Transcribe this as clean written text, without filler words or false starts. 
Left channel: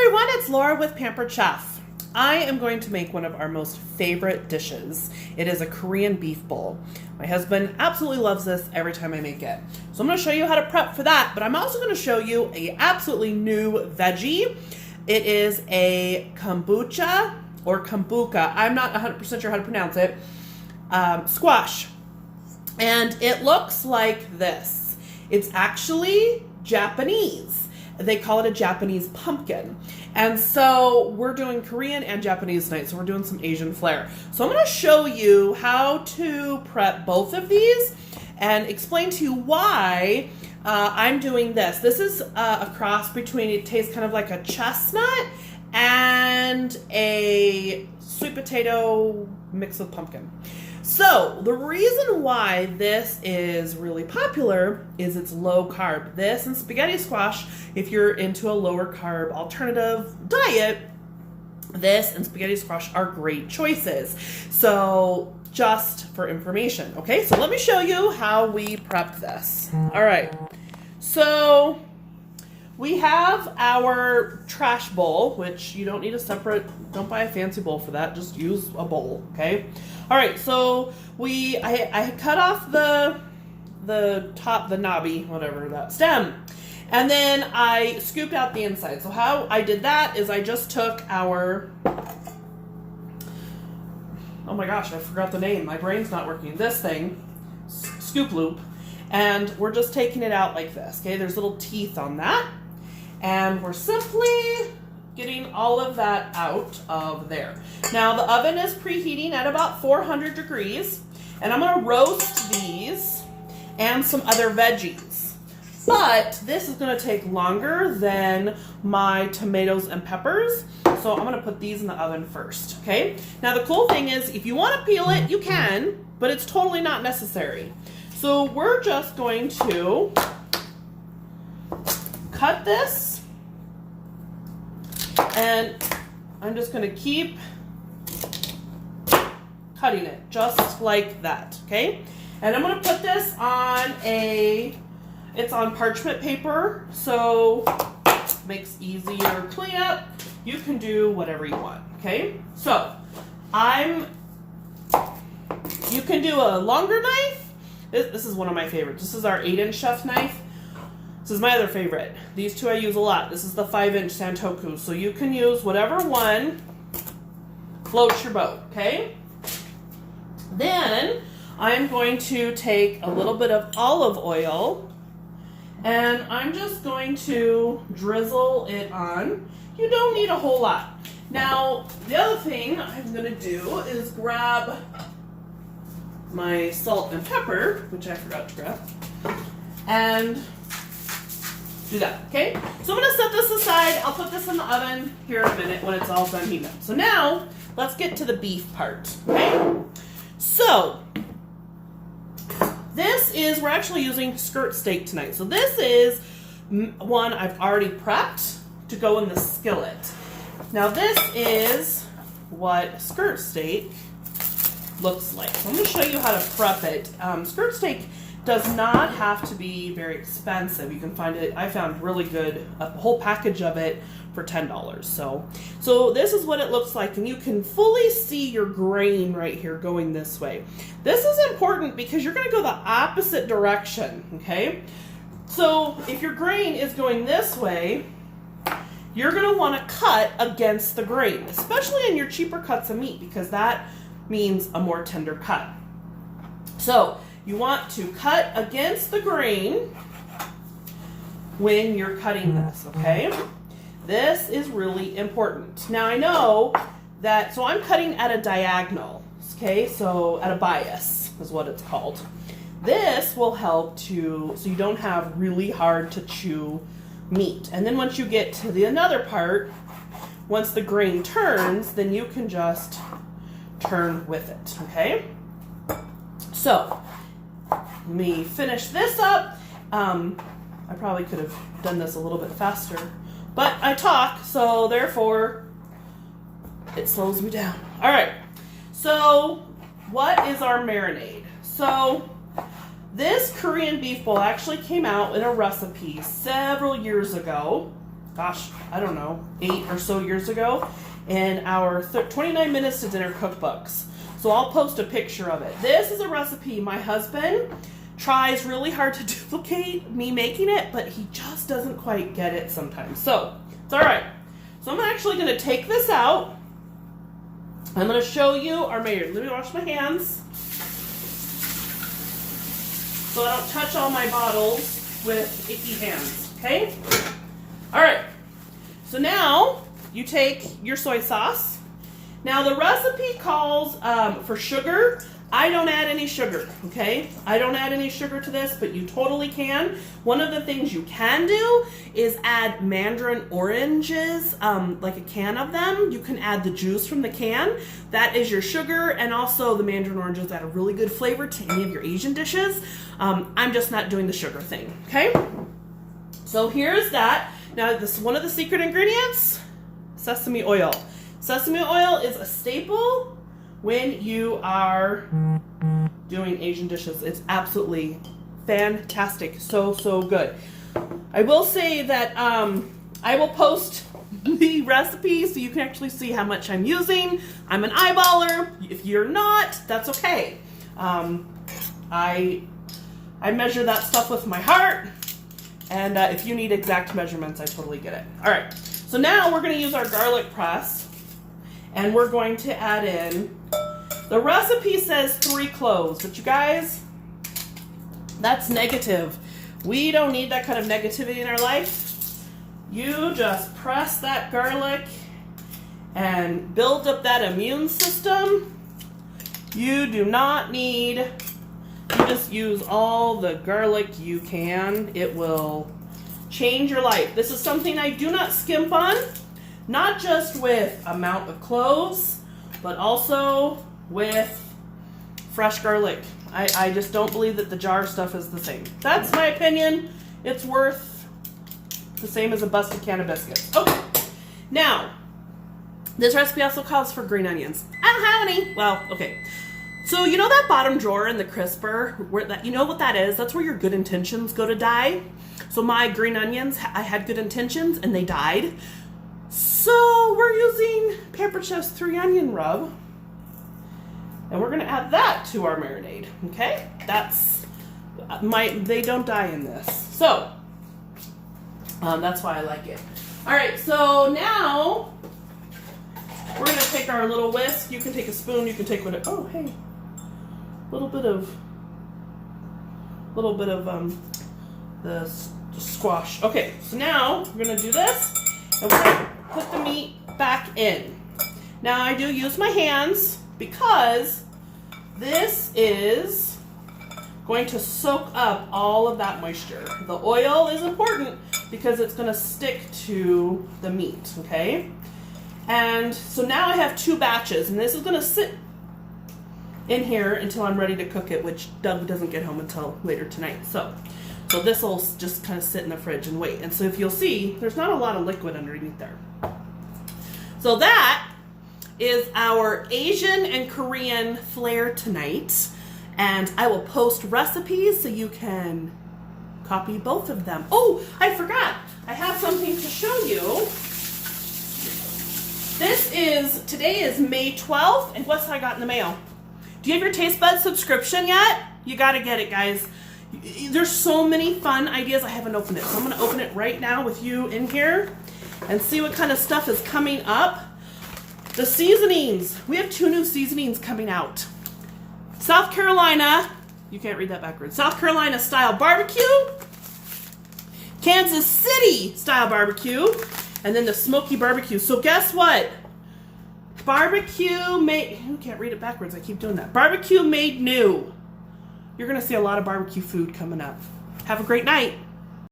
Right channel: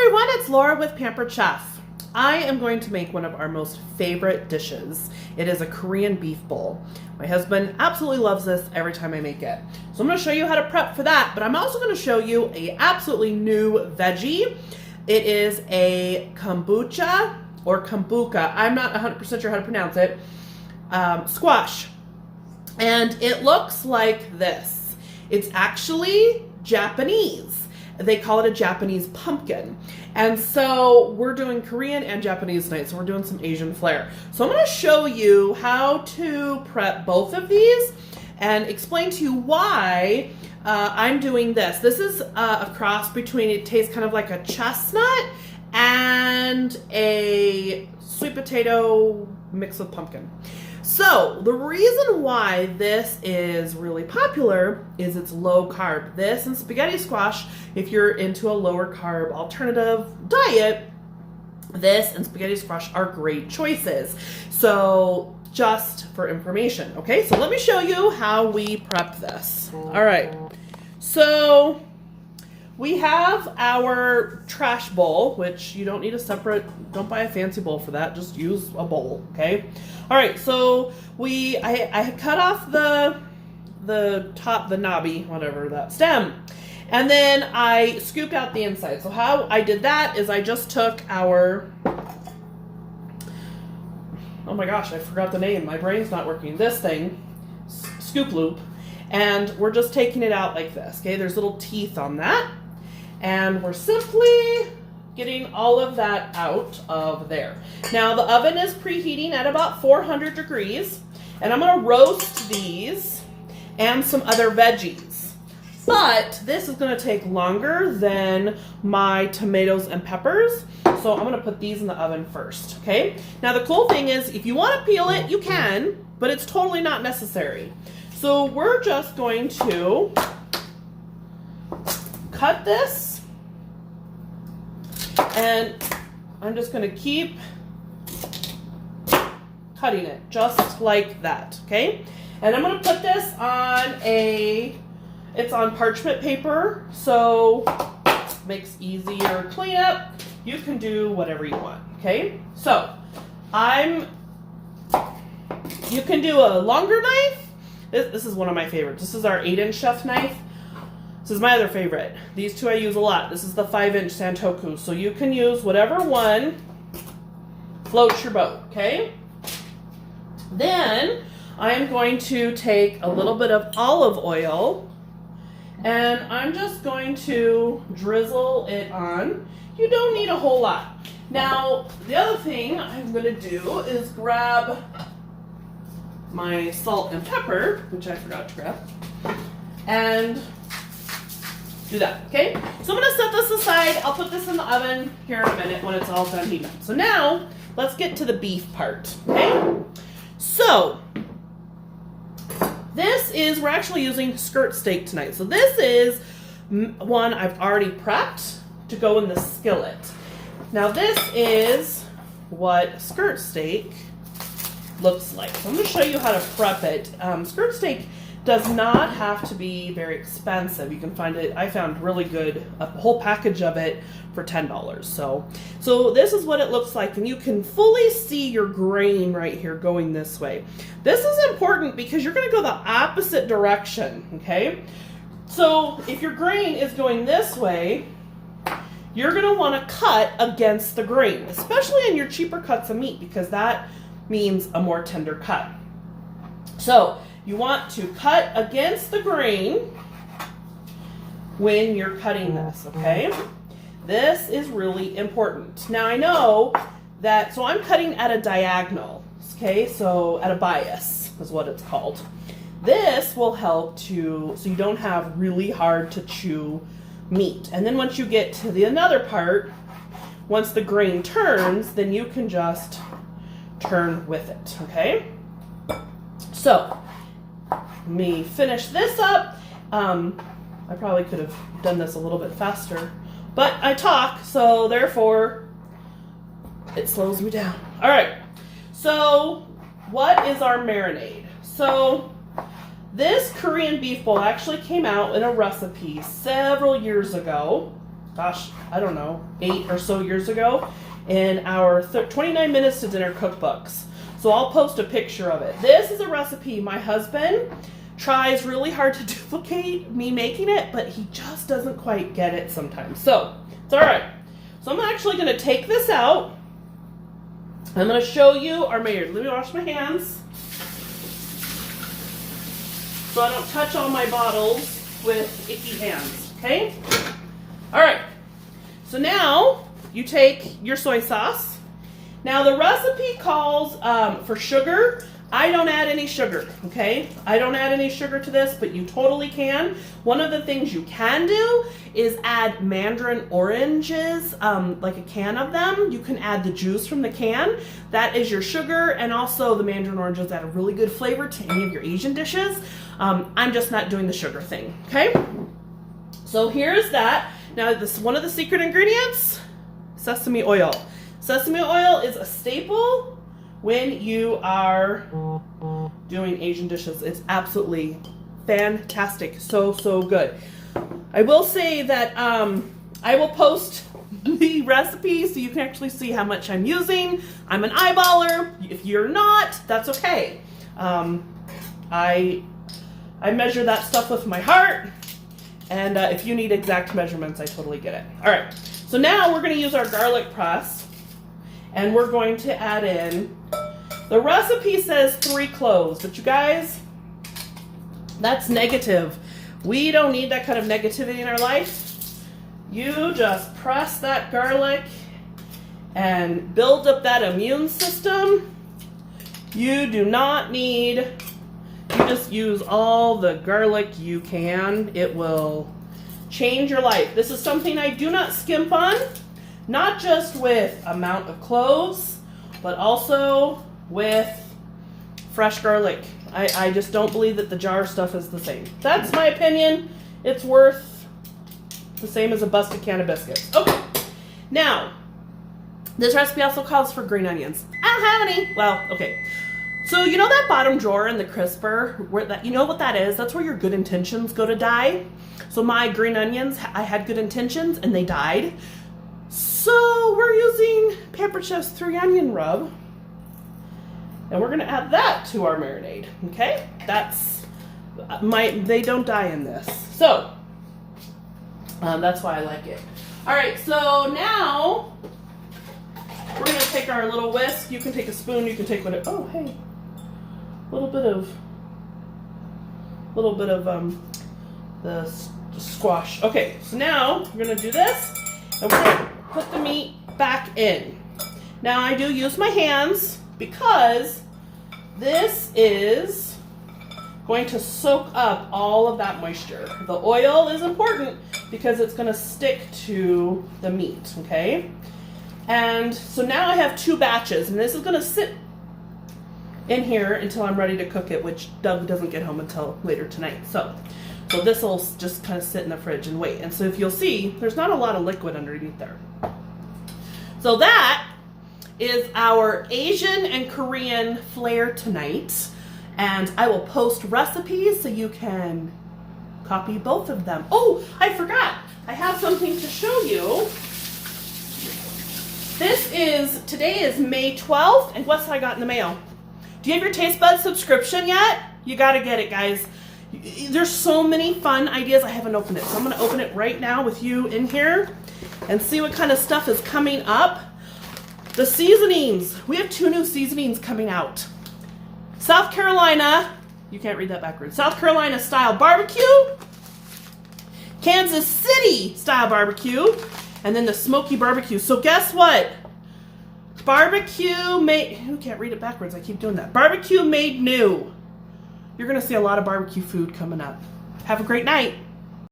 everyone, it's Laura with Pampered Chef. I am going to make one of our most favorite dishes. It is a Korean beef bowl. My husband absolutely loves this every time I make it. So I'm going to show you how to prep for that, but I'm also going to show you a absolutely new veggie. It is a kombucha or kombucha. I'm not 100% sure how to pronounce it. Squash. And it looks like this. It's actually Japanese. They call it a Japanese pumpkin. And so we're doing Korean and Japanese tonight, so we're doing some Asian flair. So I'm going to show you how to prep both of these and explain to you why I'm doing this. This is a cross between, it tastes kind of like a chestnut and a sweet potato mixed with pumpkin. So the reason why this is really popular is it's low carb. This and spaghetti squash, if you're into a lower carb alternative diet, this and spaghetti squash are great choices. So just for information, okay? So let me show you how we prep this. All right, so we have our trash bowl, which you don't need a separate, don't buy a fancy bowl for that, just use a bowl, okay? All right, so I cut off the top, the knobby, whatever, that stem, and then I scooped out the inside. So how I did that is I just took our, oh my gosh, I forgot the name, my brain's not working, this thing, scoop loop, and we're just taking it out like this, okay? There's little teeth on that. And we're simply getting all of that out of there. Now the oven is preheating at about 400 degrees, and I'm gonna roast these and some other veggies. But this is gonna take longer than my tomatoes and peppers, so I'm gonna put these in the oven first, okay? Now the cool thing is, if you wanna peel it, you can, but it's totally not necessary. So we're just going to cut this, and I'm just going to keep cutting it just like that, okay? And I'm going to put this on it's on parchment paper, so it makes easier cleanup. You can do whatever you want, okay? So you can do a longer knife. This is one of my favorites. This is our 8-inch chef knife. This is my other favorite. These two I use a lot. This is the 5-inch Santoku. So you can use whatever one floats your boat, okay? Then I'm going to take a little bit of olive oil and I'm just going to drizzle it on. You don't need a whole lot. Now, the other thing I'm going to do is grab my salt and pepper, which I forgot to grab, and do that, okay? So I'm gonna set this aside. I'll put this in the oven here in a minute when it's all done heating. So now, let's get to the beef part, okay? So, we're actually using skirt steak tonight. So this is one I've already prepped to go in the skillet. Now this is what skirt steak looks like. So I'm gonna show you how to prep it. Skirt steak does not have to be very expensive. You can find it, I found really good, a whole package of it for $10. So this is what it looks like, and you can fully see your grain right here going this way. This is important because you're gonna go the opposite direction, okay? So if your grain is going this way, you're gonna wanna cut against the grain, especially in your cheaper cuts of meat, because that means a more tender cut. So you want to cut against the grain when you're cutting this, okay? This is really important. Now I know that, so I'm cutting at a diagonal, okay? So at a bias is what it's called. This will help so you don't have really hard to chew meat. And then once you get to the another part, once the grain turns, then you can just turn with it, okay? So, let me finish this up. I probably could have done this a little bit faster, but I talk, so therefore it slows me down. All right, so what is our marinade? So this Korean beef bowl actually came out in a recipe several years ago gosh, I don't know, 8 or so years ago in our 29 Minutes to Dinner cookbooks. So I'll post a picture of it. This is a recipe my husband tries really hard to duplicate me making it, but he just doesn't quite get it sometimes. So it's all right. So I'm actually going to take this out. I'm going to show you our marinade. Let me wash my hands so I don't touch all my bottles with icky hands. Okay? All right. So now you take your soy sauce. Now the recipe calls for sugar. I don't add any sugar, okay? I don't add any sugar to this, but you totally can. One of the things you can do is add mandarin oranges, like a can of them. You can add the juice from the can. That is your sugar, and also the mandarin oranges add a really good flavor to any of your Asian dishes. I'm just not doing the sugar thing, okay? So here's that. Now this one of the secret ingredients, sesame oil. Sesame oil is a staple when you are doing Asian dishes. It's absolutely fantastic. So good. I will say that I will post the recipe so you can actually see how much I'm using. I'm an eyeballer. If you're not, that's okay. I measure that stuff with my heart, and if you need exact measurements, I totally get it. All right, so now we're going to use our garlic press, and we're going to add in, the recipe says 3 cloves, but you guys, that's negative. We don't need that kind of negativity in our life. You just press that garlic and build up that immune system. You do not need, you just use all the garlic you can. It will change your life. This is something I do not skimp on, not just with amount of cloves, but also with fresh garlic. I just don't believe that the jar stuff is the same. That's my opinion. It's worth the same as a busted can of biscuits. Okay, now, this recipe also calls for green onions. I don't have any. Well, okay. So you know that bottom drawer in the crisper, where that, you know what that is? That's where your good intentions go to die. So my green onions, I had good intentions and they died. So we're using Pampered Chef's 3 onion rub. And we're going to add that to our marinade, okay? That's they don't die in this. So, that's why I like it. All right, so now we're going to take our little whisk. You can take a spoon, you can take whatever. Oh, hey, a little bit of the squash. Okay, so now we're going to do this, and we're going to put the meat back in. Now I do use my hands, because this is going to soak up all of that moisture. The oil is important because it's going to stick to the meat, okay? And so now I have 2 batches, and this is going to sit in here until I'm ready to cook it, which Doug doesn't get home until later tonight. So this will just kind of sit in the fridge and wait. And so if you'll see, there's not a lot of liquid underneath there. So that is our Asian and Korean flair tonight, and I will post recipes so you can copy both of them. Oh, I forgot, I have something to show you. Today is May 12th, and what's I got in the mail? Do you have your Taste Bud subscription yet? You gotta get it, guys. There's so many fun ideas. I haven't opened it, so I'm gonna open it right now with you in here and see what kind of stuff is coming up. The seasonings. We have 2 new seasonings coming out. South Carolina, you can't read that backwards. South Carolina style barbecue, Kansas City style barbecue, and then the smoky barbecue. So guess what? Barbecue made, you can't read it backwards. I keep doing that. Barbecue made new. You're going to see a lot of barbecue food coming up. Have a great night.